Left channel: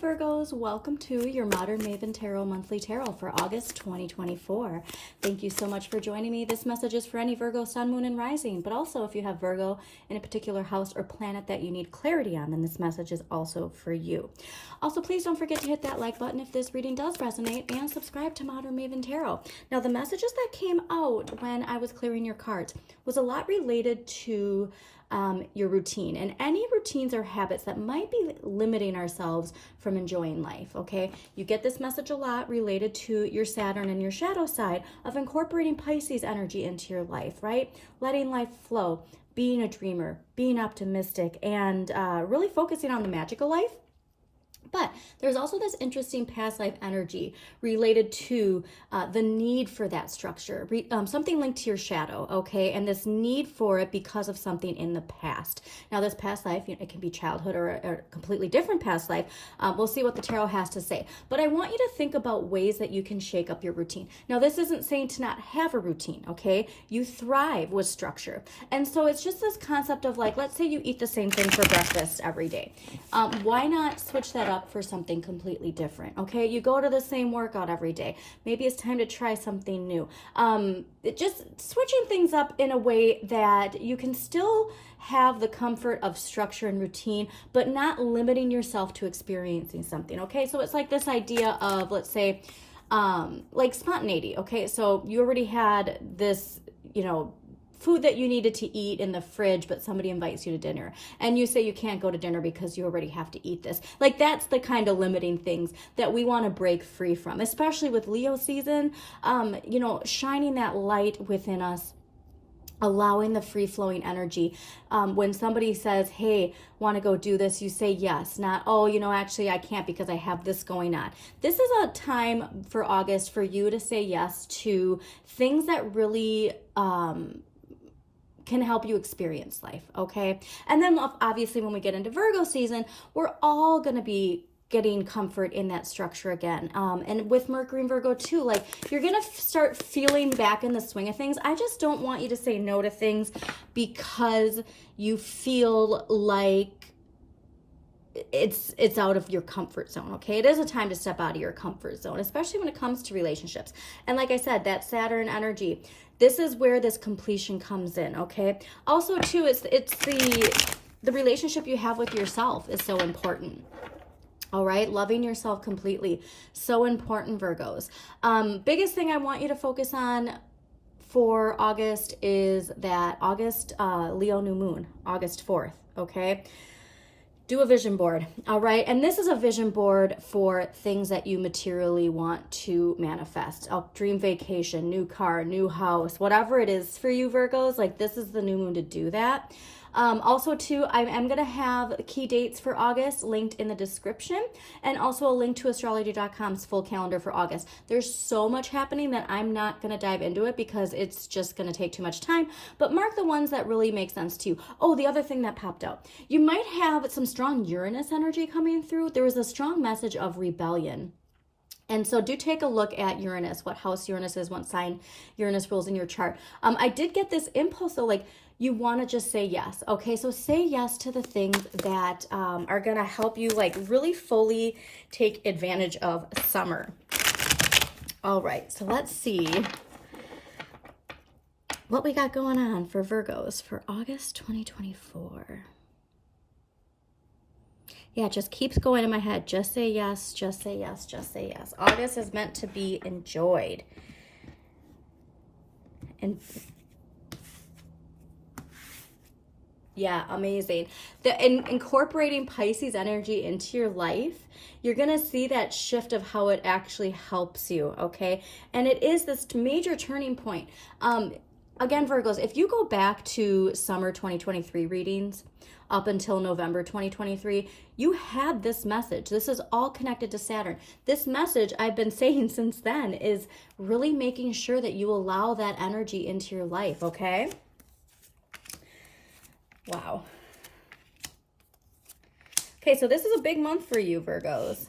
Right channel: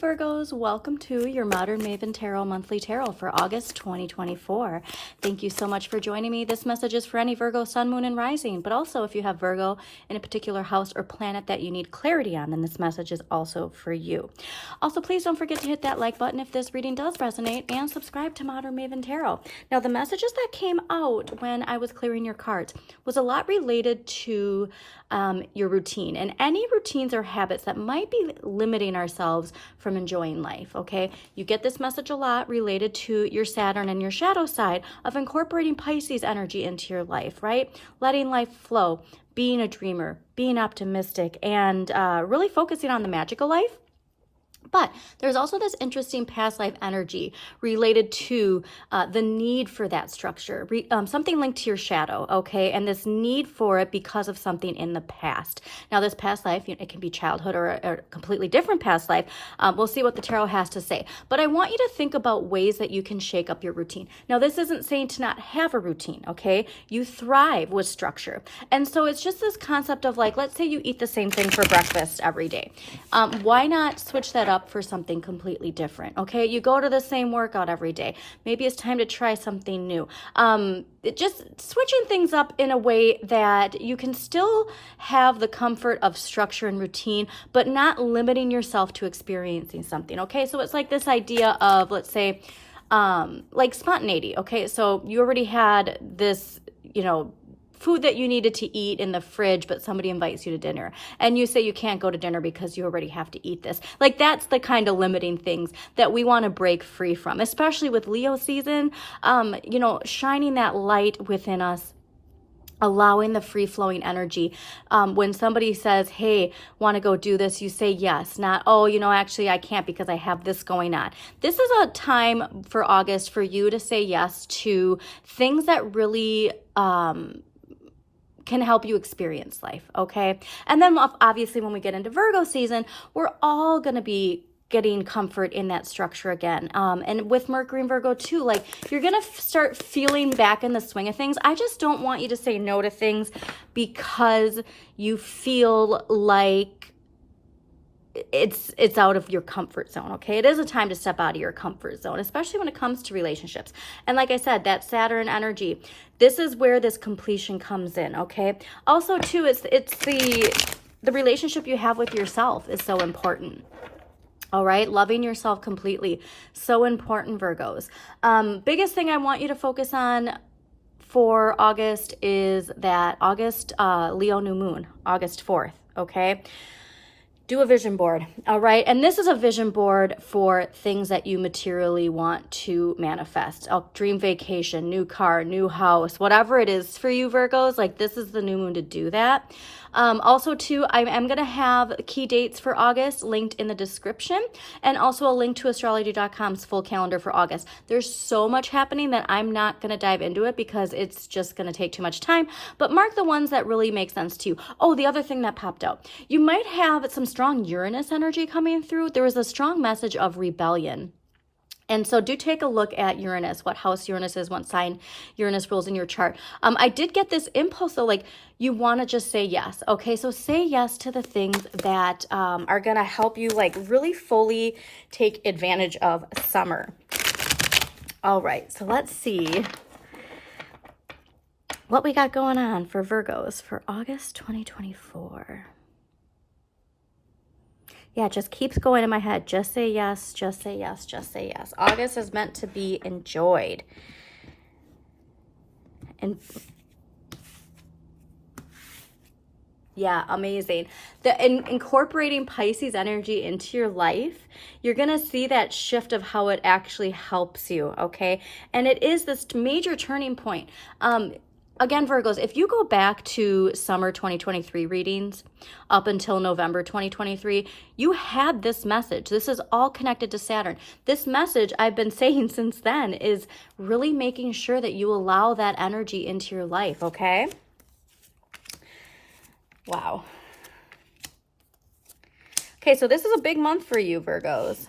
Virgos, welcome to your Modern Maven Tarot Monthly Tarot for August 2024. Thank you so much for joining me. This message is for any Virgo, Sun, Moon, and Rising, but also if you have Virgo in a particular house or planet that you need clarity on, then this message is also for you. Also, please don't forget to hit that like button if this reading does resonate and subscribe to Modern Maven Tarot. Now, the messages that came out when I was clearing your cards was a lot related to your routine and any routines or habits that might be limiting ourselves from enjoying life, okay? You get this message a lot related to your Saturn and your shadow side of incorporating Pisces energy into your life, right? Letting life flow, being a dreamer, being optimistic, and really focusing on the magical life. But there's also this interesting past life energy related to the need for that structure, something linked to your shadow, okay? And this need for it because of something in the past. Now, this past life, it can be childhood or a completely different past life. We'll see what the tarot has to say. But I want you to think about ways that you can shake up your routine. Now, this isn't saying to not have a routine, okay? You thrive with structure. And so it's just this concept of like, let's say you eat the same thing for breakfast every day. Why not switch that up for something completely different? Okay, you go to the same workout every day. Maybe it's time to try something new. Just switching things up in a way that you can still have the comfort of structure and routine, but not limiting yourself to experiencing something. Okay, so it's like this idea of, let's say, like spontaneity. Okay, so you already had this, food that you needed to eat in the fridge, but somebody invites you to dinner and you say you can't go to dinner because you already have to eat this. Like, that's the kind of limiting things that we want to break free from, especially with Leo season, shining that light within us, allowing the free-flowing energy. When somebody says, hey, want to go do this, you say yes, not, oh, actually I can't because I have this going on. This is a time for August for you to say yes to things that really can help you experience life, okay? And then obviously when we get into Virgo season, we're all going to be getting comfort in that structure again. And with Mercury and Virgo too, like, you're going to start feeling back in the swing of things. I just don't want you to say no to things because you feel like it's out of your comfort zone, okay? It is a time to step out of your comfort zone, especially when it comes to relationships. And like I said, that Saturn energy, this is where this completion comes in, okay? Also too, it's the relationship you have with yourself is so important. All right, loving yourself completely, so important, Virgos. Biggest thing I want you to focus on for August is that August Leo new moon, August 4th, okay? Do a vision board, all right? And this is a vision board for things that you materially want to manifest. A dream vacation, new car, new house, whatever it is for you, Virgos, like, this is the new moon to do that. Also, too, I am going to have key dates for August linked in the description, and also a link to astrology.com's full calendar for August. There's so much happening that I'm not going to dive into it because it's just going to take too much time, but mark the ones that really make sense to you. Oh, the other thing that popped out, you might have some strong Uranus energy coming through. There was a strong message of rebellion. And so do take a look at Uranus, what house Uranus is, what sign Uranus rules in your chart. I did get this impulse though, like, you want to just say yes. Okay, so say yes to the things that are going to help you, like, really fully take advantage of summer. All right, so let's see what we got going on for Virgos for August 2024. Yeah, it just keeps going in my head. Just say yes, just say yes, just say yes. August is meant to be enjoyed. And yeah, amazing. Incorporating Pisces energy into your life, you're going to see that shift of how it actually helps you, okay? And it is this major turning point. Again, Virgos, if you go back to summer 2023 readings up until November 2023, you had this message. This is all connected to Saturn. This message I've been saying since then is really making sure that you allow that energy into your life, okay? Wow. Okay, so this is a big month for you, Virgos.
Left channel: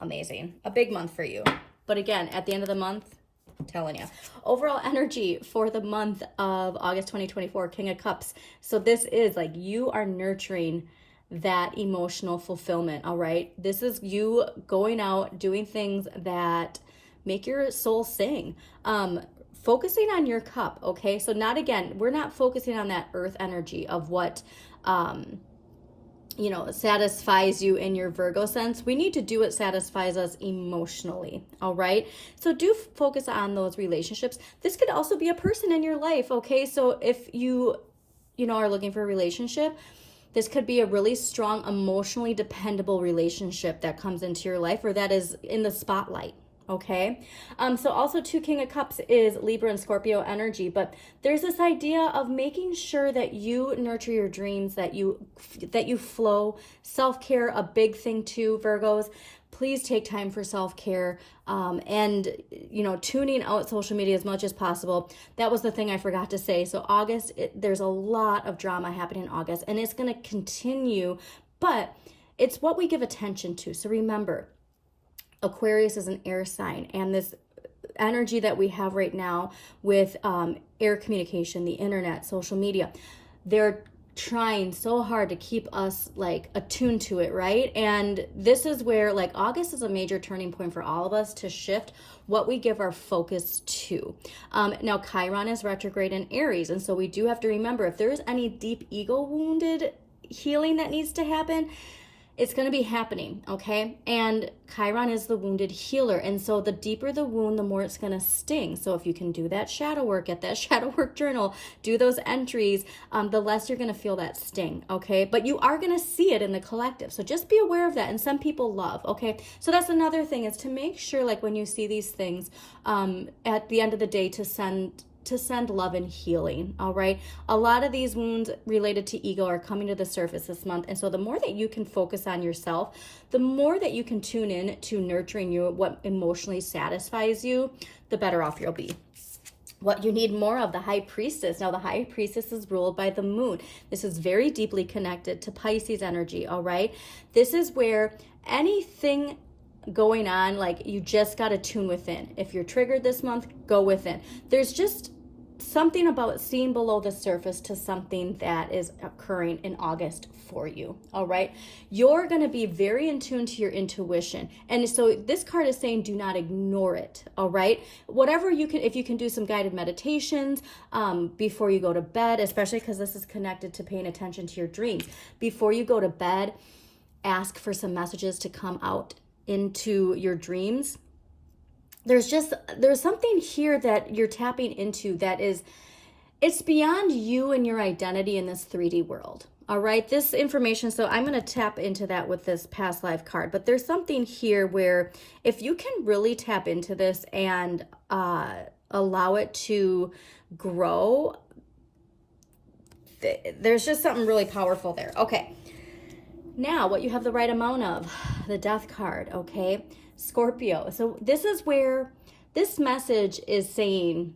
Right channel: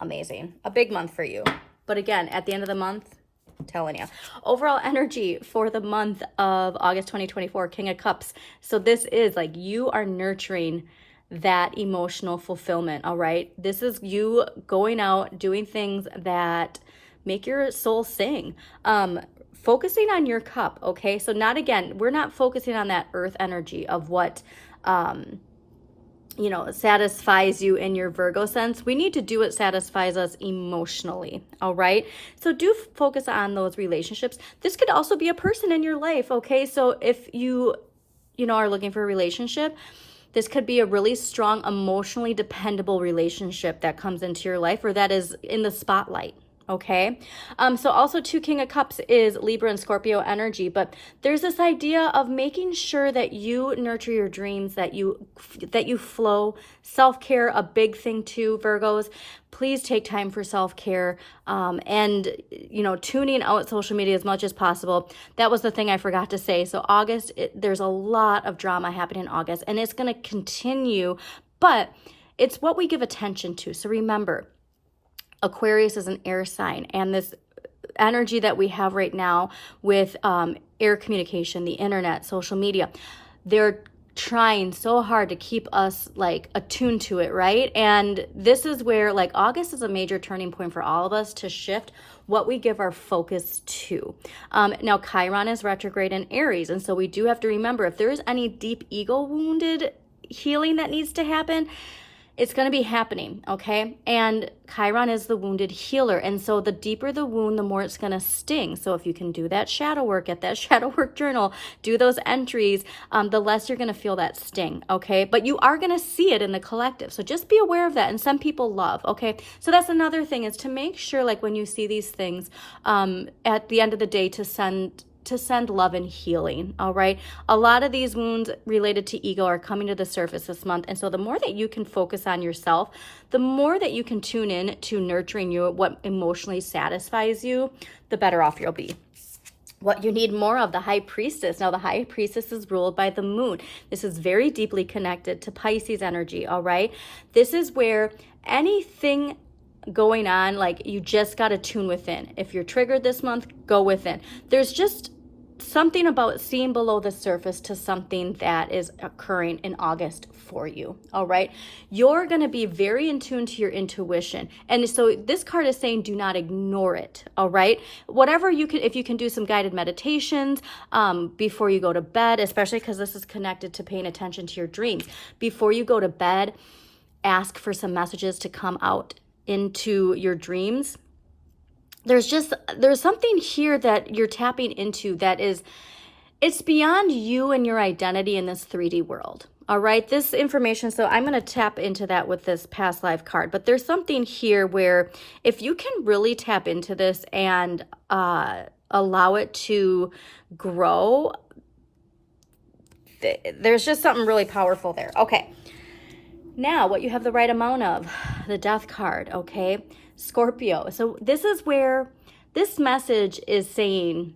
Amazing. A big month for you. But again, at the end of the month, I'm telling you. Overall energy for the month of August 2024, King of Cups. So this is like, you are nurturing that emotional fulfillment, all right? This is you going out, doing things that make your soul sing. Focusing on your cup, okay? So we're not focusing on that earth energy of what, satisfies you in your Virgo sense. We need to do what satisfies us emotionally, all right? So do focus on those relationships. This could also be a person in your life, okay? So if you are looking for a relationship, this could be a really strong, emotionally dependable relationship that comes into your life or that is in the spotlight. Okay. So also too, King of Cups is Libra and Scorpio energy, but there's this idea of making sure that you nurture your dreams, that you flow. Self-care, a big thing too, Virgos. Please take time for self-care, and tuning out social media as much as possible. That was the thing I forgot to say. So August, there's a lot of drama happening in August, and it's going to continue, but it's what we give attention to. So remember, Aquarius is an air sign, and this energy that we have right now with air communication, the internet, social media, they're trying so hard to keep us like attuned to it, right? And this is where like August is a major turning point for all of us to shift what we give our focus to. Now Chiron is retrograde in Aries, and so we do have to remember, if there is any deep ego wounded healing that needs to happen, it's going to be happening, okay? And Chiron is the wounded healer. And so the deeper the wound, the more it's going to sting. So if you can do that shadow work, get that shadow work journal, do those entries, the less you're going to feel that sting, okay? But you are going to see it in the collective. So just be aware of that. And some people love, okay? So that's another thing, is to make sure, like when you see these things, at the end of the day, to send love and healing, all right? A lot of these wounds related to ego are coming to the surface this month. And so the more that you can focus on yourself, the more that you can tune in to nurturing what emotionally satisfies you, the better off you'll be. What you need more of, the High Priestess. Now, the High Priestess is ruled by the moon. This is very deeply connected to Pisces energy, all right? This is where anything going on, like you just got to tune within. If you're triggered this month, go within. There's just something about seeing below the surface to something that is occurring in August for you, all right? You're going to be very in tune to your intuition. And so this card is saying do not ignore it, all right? Whatever you can, if you can do some guided meditations before you go to bed, especially because this is connected to paying attention to your dreams. Before you go to bed, ask for some messages to come out into your dreams. There's something here that you're tapping into that it's beyond you and your identity in this 3D world. All right, this information, so I'm going to tap into that with this past life card, but there's something here where if you can really tap into this and allow it to grow, there's just something really powerful there. Okay, now what you have the right amount of, the Death card, okay? Scorpio. So this is where this message is saying,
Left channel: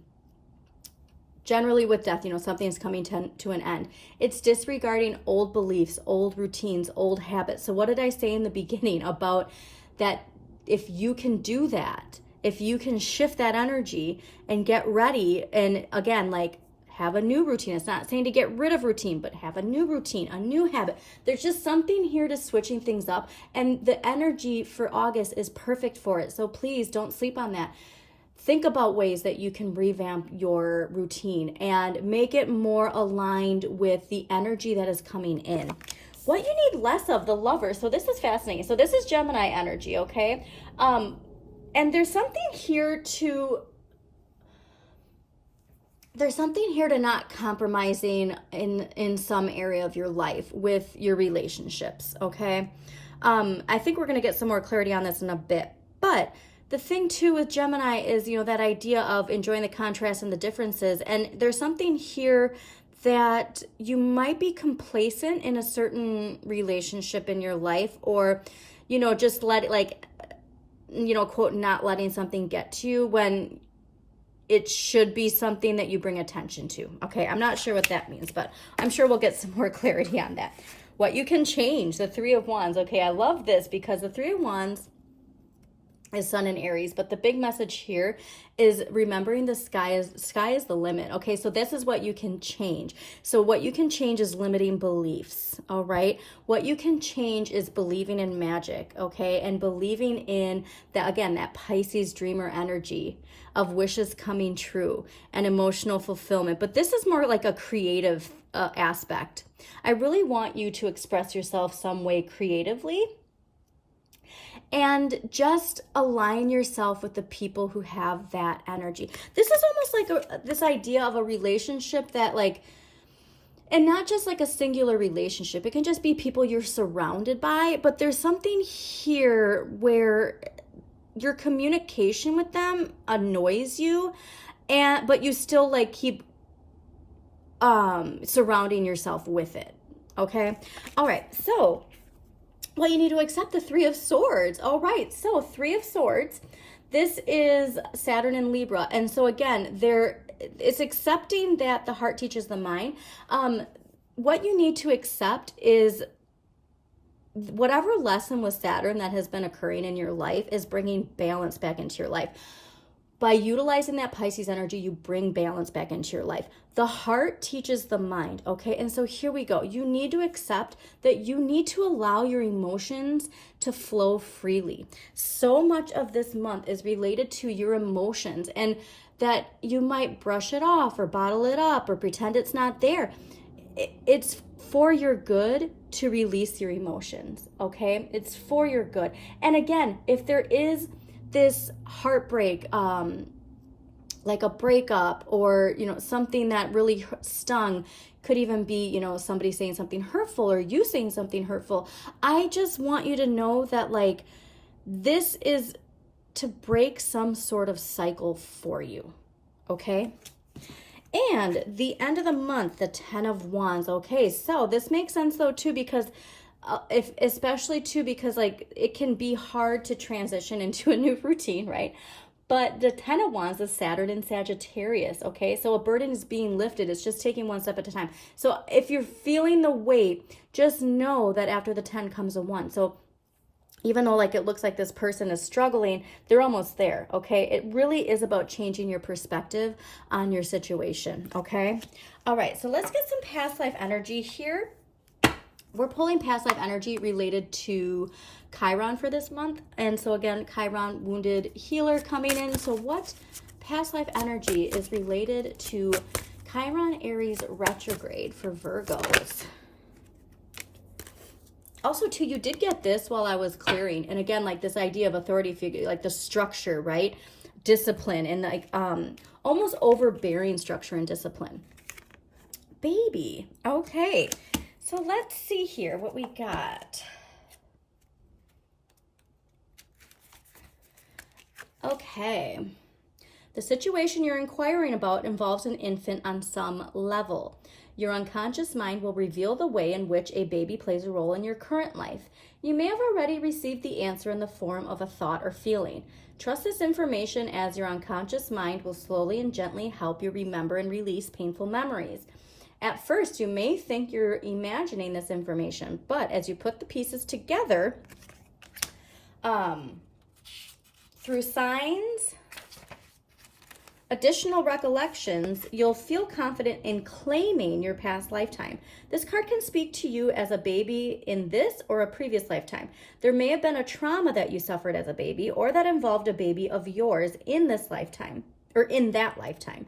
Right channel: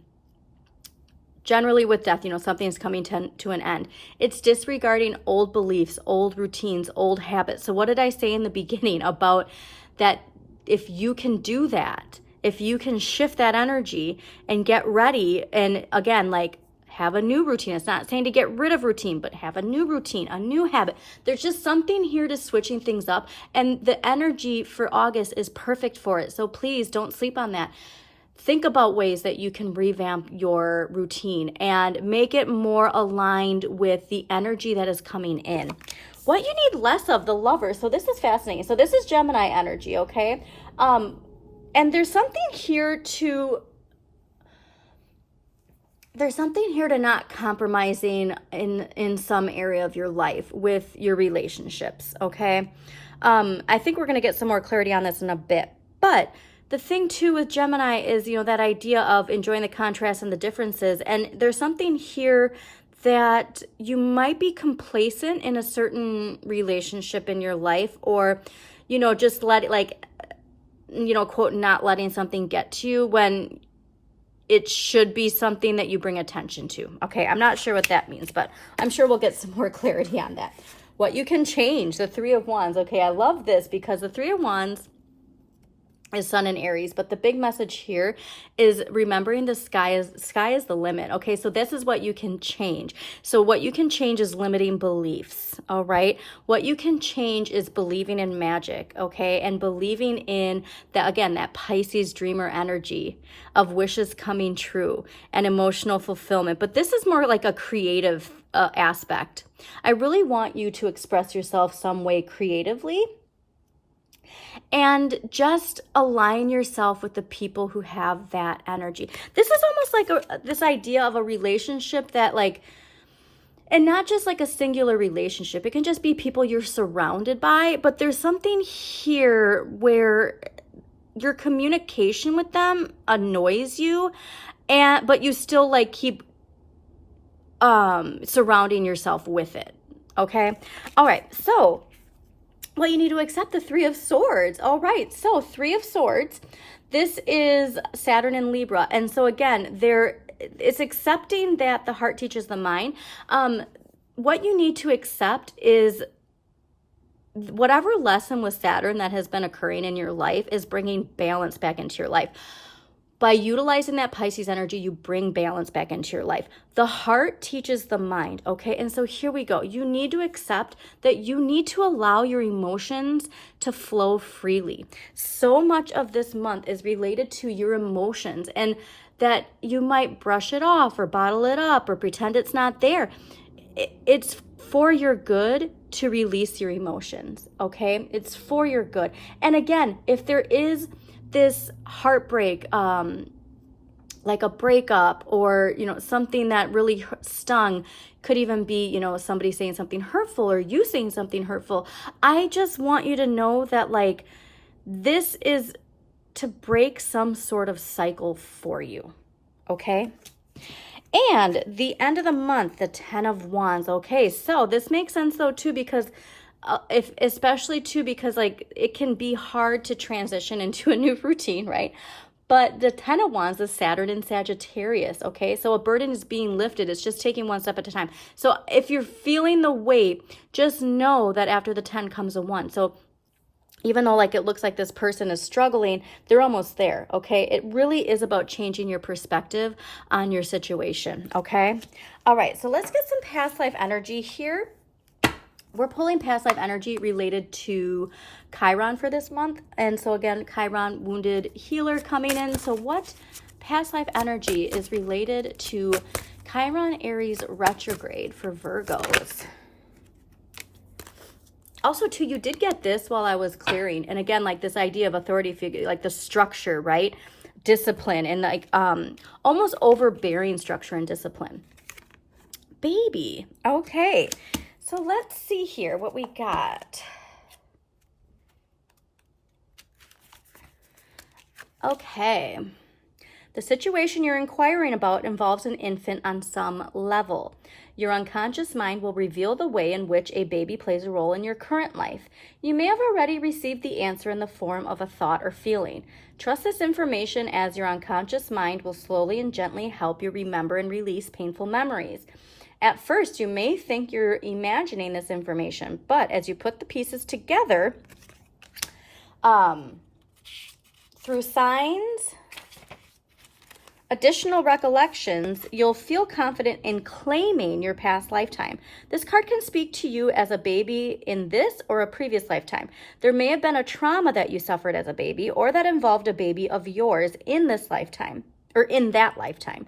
generally with death, something's coming to an end. It's disregarding old beliefs, old routines, old habits. So what did I say in the beginning about that? If you can do that, if you can shift that energy and get ready, and again, like have a new routine. It's not saying to get rid of routine, but have a new routine, a new habit. There's just something here to switching things up. And the energy for August is perfect for it. So please don't sleep on that. Think about ways that you can revamp your routine and make it more aligned with the energy that is coming in. What you need less of, the Lover. So this is fascinating. So this is Gemini energy, okay? And there's something here to not compromising in some area of your life with your relationships, okay? I think we're going to get some more clarity on this in a bit. But the thing, too, with Gemini is, that idea of enjoying the contrast and the differences. And there's something here that you might be complacent in a certain relationship in your life, or, just let it, quote, not letting something get to you when it should be something that you bring attention to. Okay, I'm not sure what that means, but I'm sure we'll get some more clarity on that. What you can change, the Three of Wands. Okay, I love this because the Three of Wands is Sun in Aries. But the big message here is remembering the sky is the limit. Okay, so this is what you can change. So what you can change is limiting beliefs. All right, what you can change is believing in magic. Okay, and believing in that, again, that Pisces dreamer energy of wishes coming true and emotional fulfillment. But this is more like a creative aspect. I really want you to express yourself some way creatively, and just align yourself with the people who have that energy. This is almost like this idea of a relationship that, like, and not just like a singular relationship. It can just be people you're surrounded by, but there's something here where your communication with them annoys you, but you still like keep surrounding yourself with it. Okay. All right. So, well, you need to accept the Three of Swords. All right, so Three of Swords. This is Saturn in Libra. And so again, it's accepting that the heart teaches the mind. What you need to accept is whatever lesson with Saturn that has been occurring in your life is bringing balance back into your life. By utilizing that Pisces energy, you bring balance back into your life. The heart teaches the mind, okay? And so here we go. You need to accept that you need to allow your emotions to flow freely. So much of this month is related to your emotions, and that you might brush it off or bottle it up or pretend it's not there. It's for your good to release your emotions, okay? It's for your good. And again, if there is this heartbreak, like a breakup, or something that really stung, could even be somebody saying something hurtful or you saying something hurtful. I just want you to know that, like, this is to break some sort of cycle for you, okay? And the end of the month, the 10 of Wands. Okay, so this makes sense though too, because especially because like it can be hard to transition into a new routine, right? But the 10 of Wands is Saturn in Sagittarius, okay? So a burden is being lifted. It's just taking one step at a time. So if you're feeling the weight, just know that after the 10 comes a 1. So even though like it looks like this person is struggling, they're almost there, okay? It really is about changing your perspective on your situation, okay? All right, so let's get some past life energy here. We're pulling past life energy related to Chiron for this month. And so again, Chiron, wounded healer coming in. So what past life energy is related to Chiron Aries retrograde for Virgos? Also too, you did get this while I was clearing. And again, like this idea of authority figure, like the structure, right? Discipline and like almost overbearing structure and discipline. Baby, okay. So let's see here what we got. Okay. The situation you're inquiring about involves an infant on some level. Your unconscious mind will reveal the way in which a baby plays a role in your current life. You may have already received the answer in the form of a thought or feeling. Trust this information, as your unconscious mind will slowly and gently help you remember and release painful memories. At first, you may think you're imagining this information, but as you put the pieces together, through signs, additional recollections, you'll feel confident in claiming your past lifetime. This card can speak to you as a baby in this or a previous lifetime. There may have been a trauma that you suffered as a baby, or that involved a baby of yours in this lifetime, or in that lifetime.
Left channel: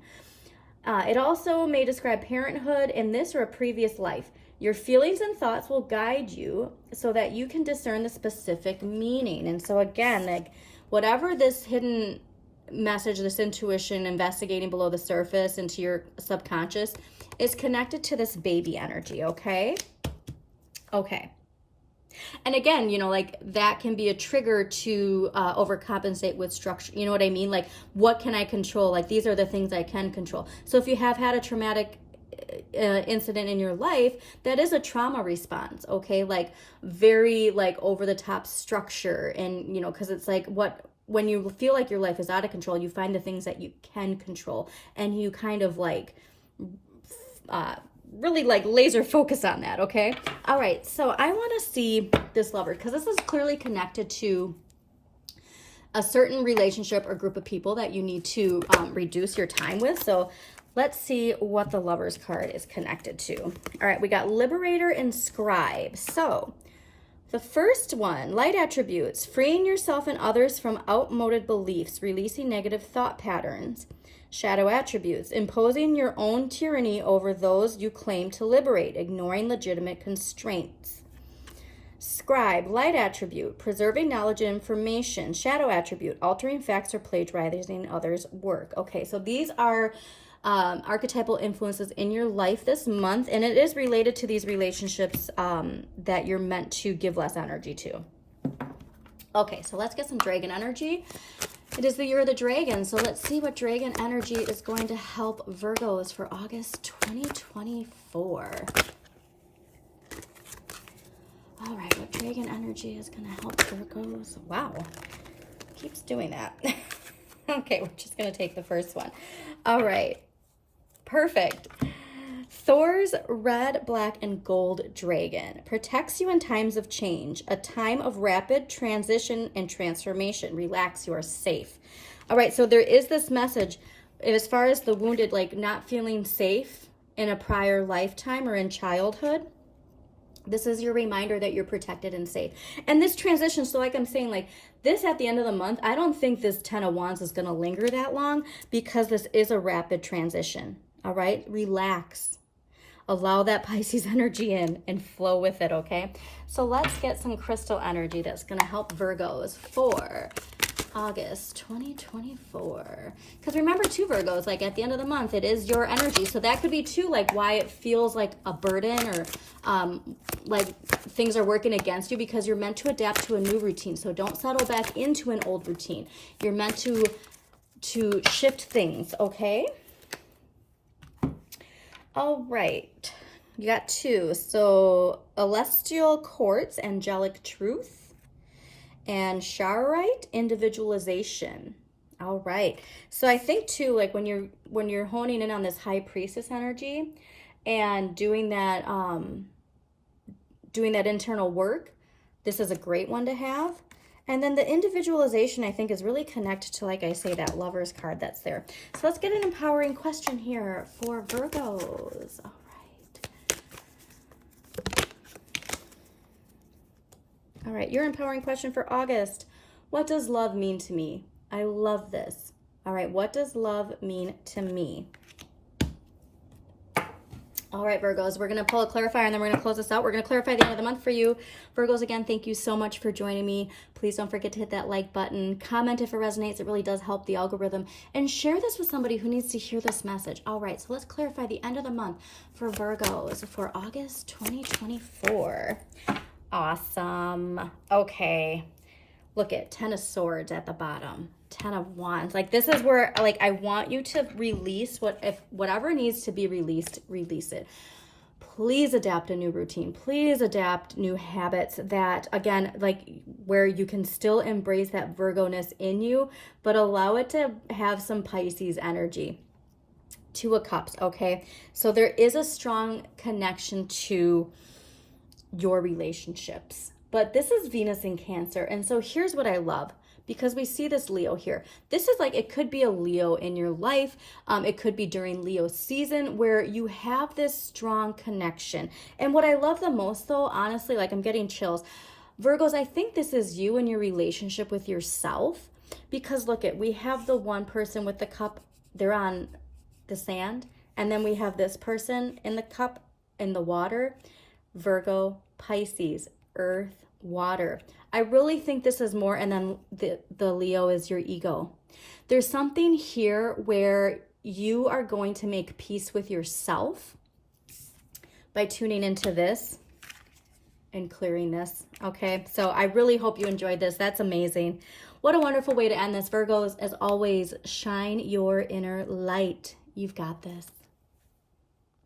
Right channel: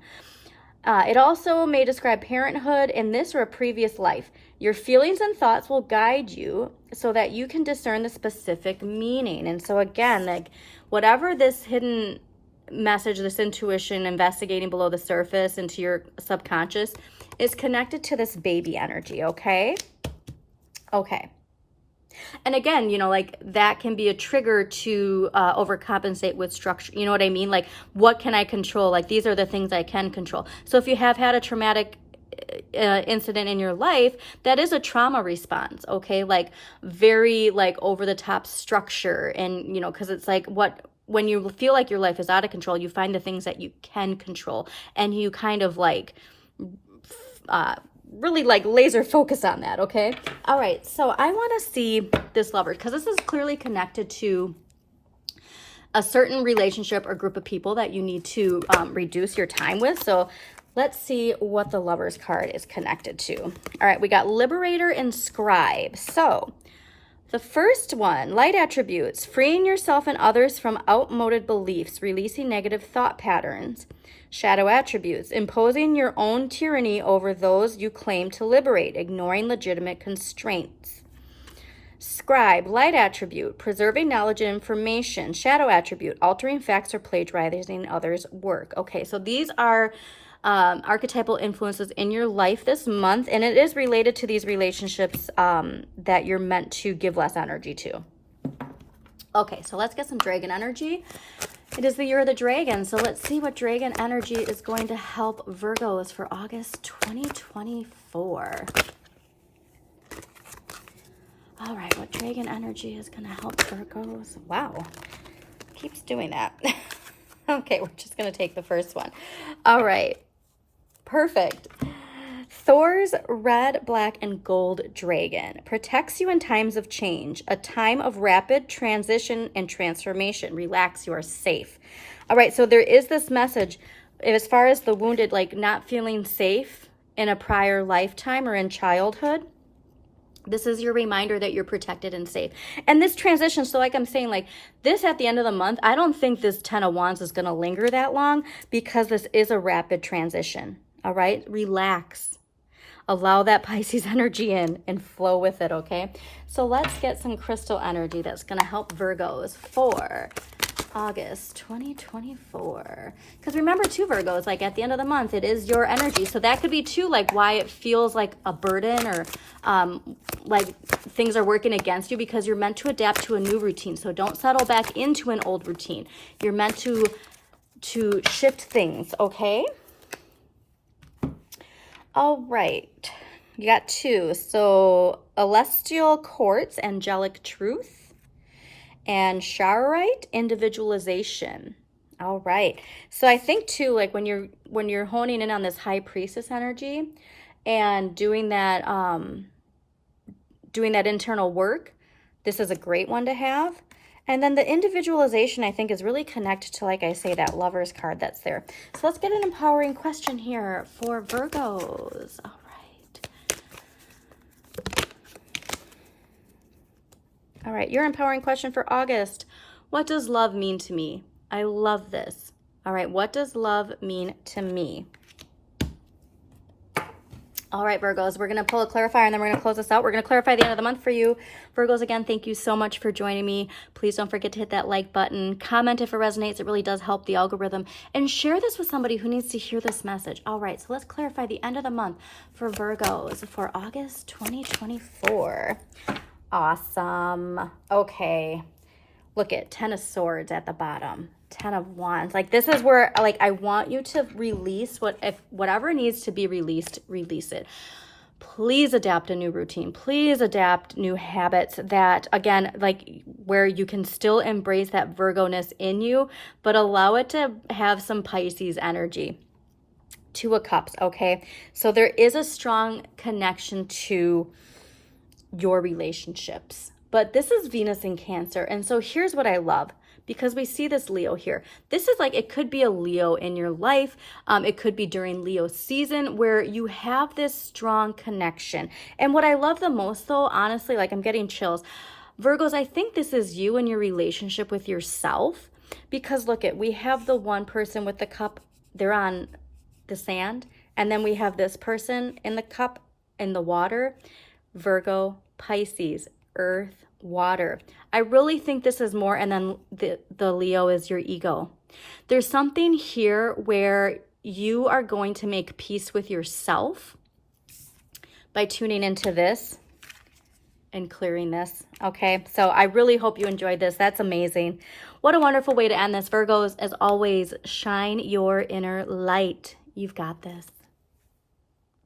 It also may describe parenthood in this or a previous life. Your feelings and thoughts will guide you so that you can discern the specific meaning. And so again, like whatever this hidden message, this intuition, investigating below the surface into your subconscious, is connected to this baby energy, okay? Okay. And again, like that can be a trigger to overcompensate with structure. You know what I mean? Like, what can I control? Like, these are the things I can control. So if you have had a traumatic incident in your life, that is a trauma response, okay? Like very like over the top structure. And, because it's like when you feel like your life is out of control, you find the things that you can control, and you kind of like really like laser focus on that, okay? All right, so I want to see this lover, because this is clearly connected to a certain relationship or group of people that you need to reduce your time with. So let's see what the Lovers card is connected to. All right, we got Liberator and Scribe. So the first one, light attributes, freeing yourself and others from outmoded beliefs, releasing negative thought patterns. Shadow attributes, imposing your own tyranny over those you claim to liberate, ignoring legitimate constraints. Scribe, light attribute, preserving knowledge and information. Shadow attribute, altering facts or plagiarizing others' work. Okay, so these are archetypal influences in your life this month, and it is related to these relationships that you're meant to give less energy to. Okay, so let's get some dragon energy. It is the year of the dragon, so let's see what dragon energy is going to help Virgos for August 2024. All right, what dragon energy is going to help Virgos? Wow, keeps doing that. Okay, we're just going to take the first one. All right, perfect. Thor's red, black, and gold dragon protects you in times of change, a time of rapid transition and transformation. Relax, you are safe. All right, so there is this message as far as the wounded, like not feeling safe in a prior lifetime or in childhood. This is your reminder that you're protected and safe. And this transition, so like I'm saying, like this at the end of the month, I don't think this 10 of Wands is going to linger that long because this is a rapid transition. All right, relax. Allow that Pisces energy in and flow with it, okay? So let's get some crystal energy that's going to help Virgos for August 2024. Because remember too, Virgos, like at the end of the month, it is your energy. So that could be too like why it feels like a burden or like things are working against you, because you're meant to adapt to a new routine. So don't settle back into an old routine. You're meant to shift things, okay? All right, you got two. So Celestial Quartz, Angelic Truth, and Charoite, Individualization. All right, so I think too, like when you're honing in on this High Priestess energy and doing that internal work, this is a great one to have. And then the individualization, I think, is really connected to, like I say, that Lovers card that's there. So let's get an empowering question here for Virgos. All right. All right, your empowering question for August. What does love mean to me? I love this. All right, what does love mean to me? All right, Virgos, we're going to pull a clarifier and then we're going to close this out. We're going to clarify the end of the month for you. Virgos, again, thank you so much for joining me. Please don't forget to hit that like button. Comment if it resonates. It really does help the algorithm. And share this with somebody who needs to hear this message. All right, so let's clarify the end of the month for Virgos for August 2024. Awesome. Okay. Look at 10 of Swords at the bottom. 10 of Wands. Like this is where like I want you to release whatever needs to be released, release it. Please adapt a new routine. Please adapt new habits that, again, like where you can still embrace that Virgo-ness in you, but allow it to have some Pisces energy. Two of Cups, okay? So there is a strong connection to your relationships. But this is Venus in Cancer. And so here's what I love, because we see this Leo here. This is like, it could be a Leo in your life. It could be during Leo season where you have this strong connection. And what I love the most though, honestly, like I'm getting chills. Virgos, I think this is you and your relationship with yourself, because look at, we have the one person with the cup, they're on the sand. And then we have this person in the cup in the water, Virgo, Pisces, earth, water. I really think this is more, and then the Leo is your ego. There's something here where you are going to make peace with yourself by tuning into this and clearing this, okay? So I really hope you enjoyed this. That's amazing. What a wonderful way to end this. Virgos, as always, shine your inner light. You've got this.